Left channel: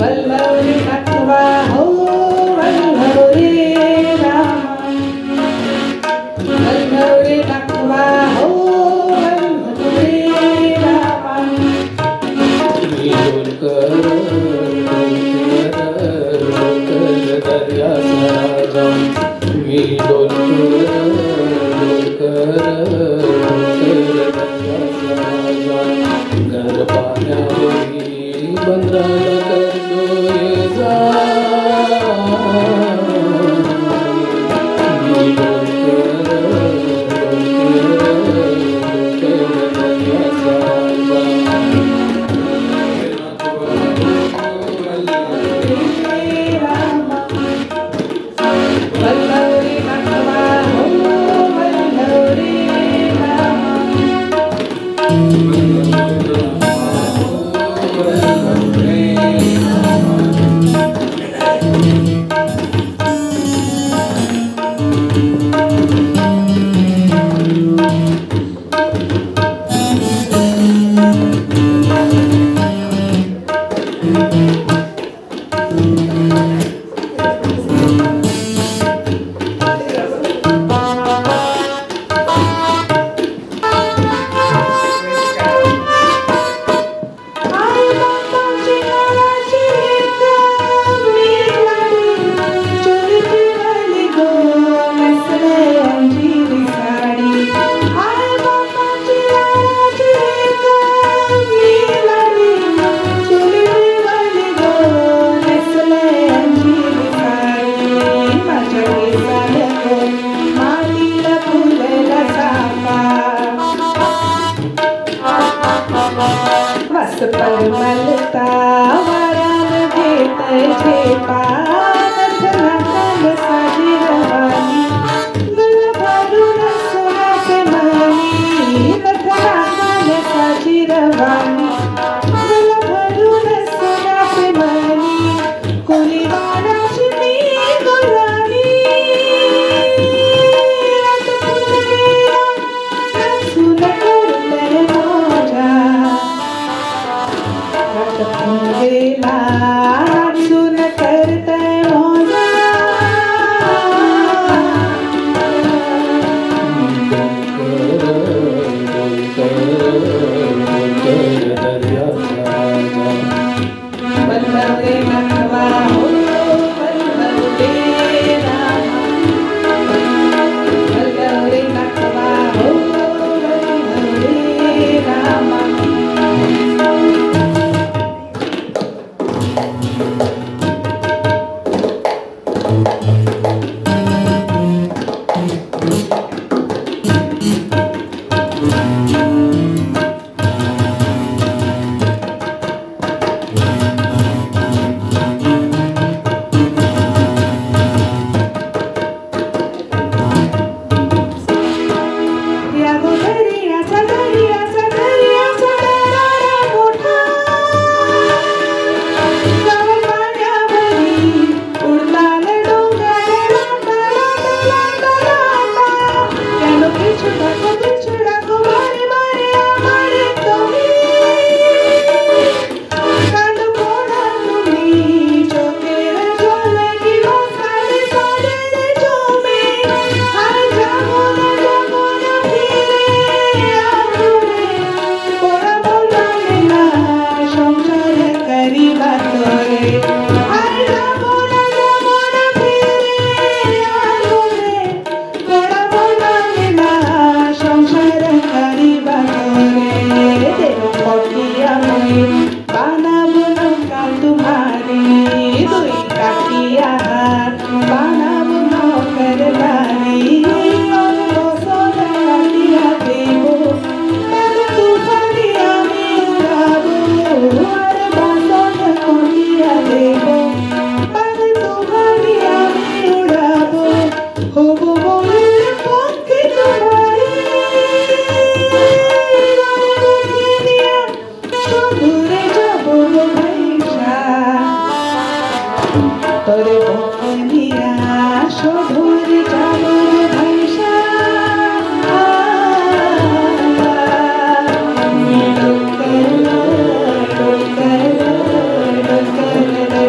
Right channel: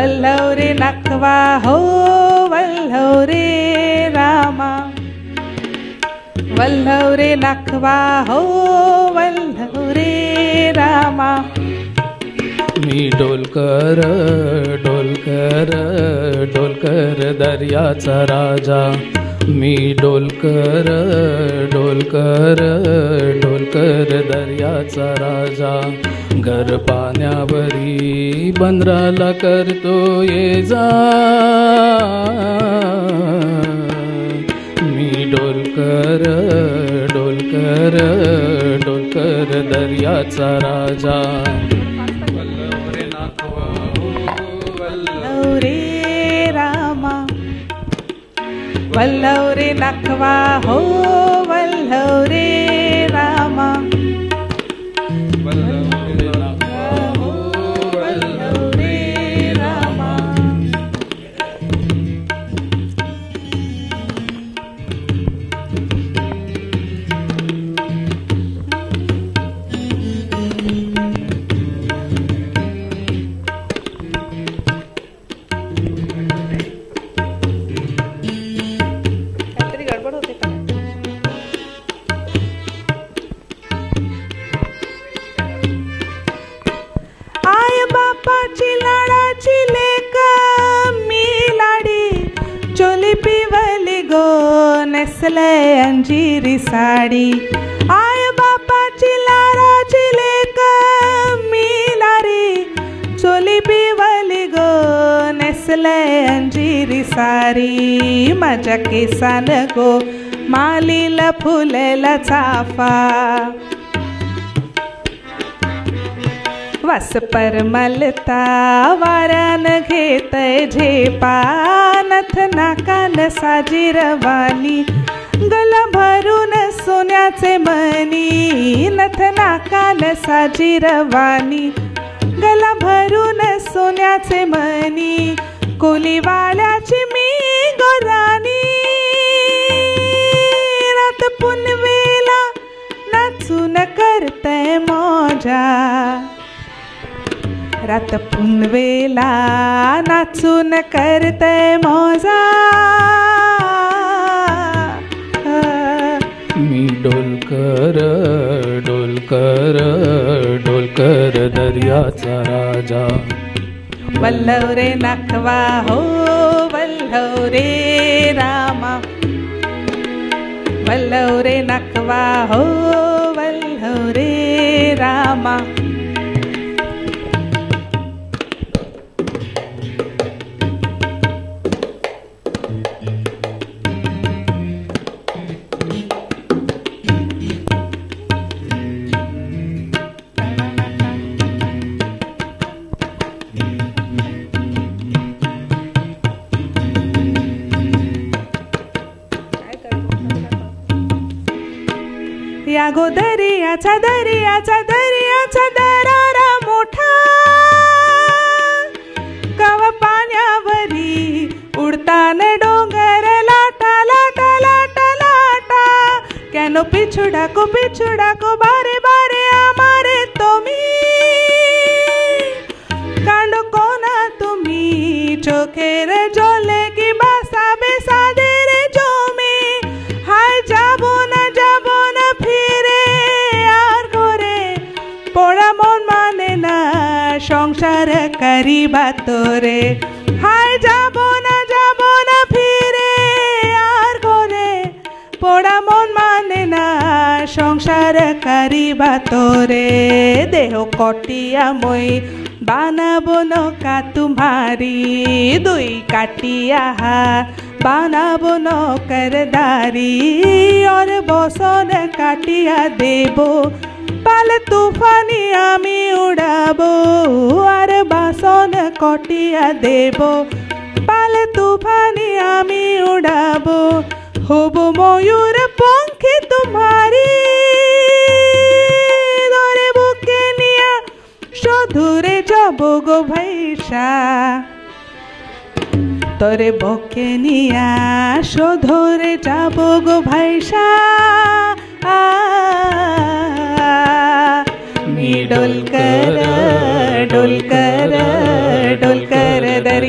वल्लव रे नखवा हो वल्लव रे रामा, वल्लव रे नखवा हो वल्लव रे रामा. मी डोलकर डोलकर डोलकर दर्याचा राजा, मी डोलकर डोलकर डोलकर दर्याचा राजा. घर पाण्यावरी बंदराला करतो ये जा, मी डोलकर डोलकर डोलकर दर्याचा राजा. वल्लव रे नखवा हो वल्लव रे रामा, वल्लव रे रामा. परमलता वाऱ्याला घेतय झेपा, नथना काल साजी रवानी, गल भरून सोन्याचे मणी, नथना काल साजी रवानी, गल भरून सोन्याचे मणी. कोलीवाल्याची मी गोलानी, रात पुनवेला नाचून करते मजा, रात पुनवेला नाचून करते मजा. डोलकर डोलकर डोलकर दर्याचा राजा, वल्लव रे नखवा हो वल्लव रे रामा, वल्लव रे नखवा हो वल्लव रे रामा. डोलकर डोलकर डोलकर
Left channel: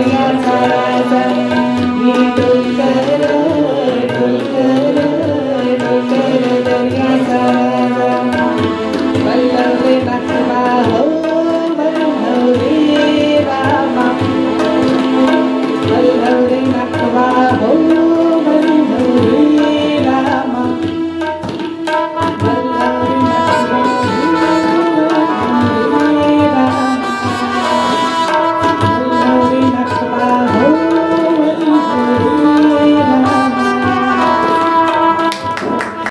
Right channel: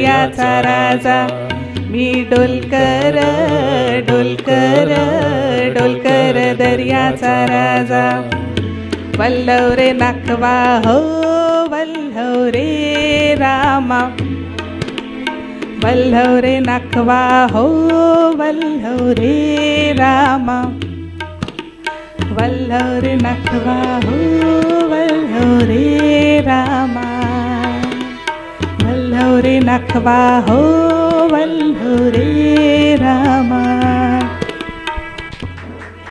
वल्लव रे नखवा हो वल्लव रे रामा वल्लव रे नखवा हो वल्लव रे रामा वल्लव रे नखवा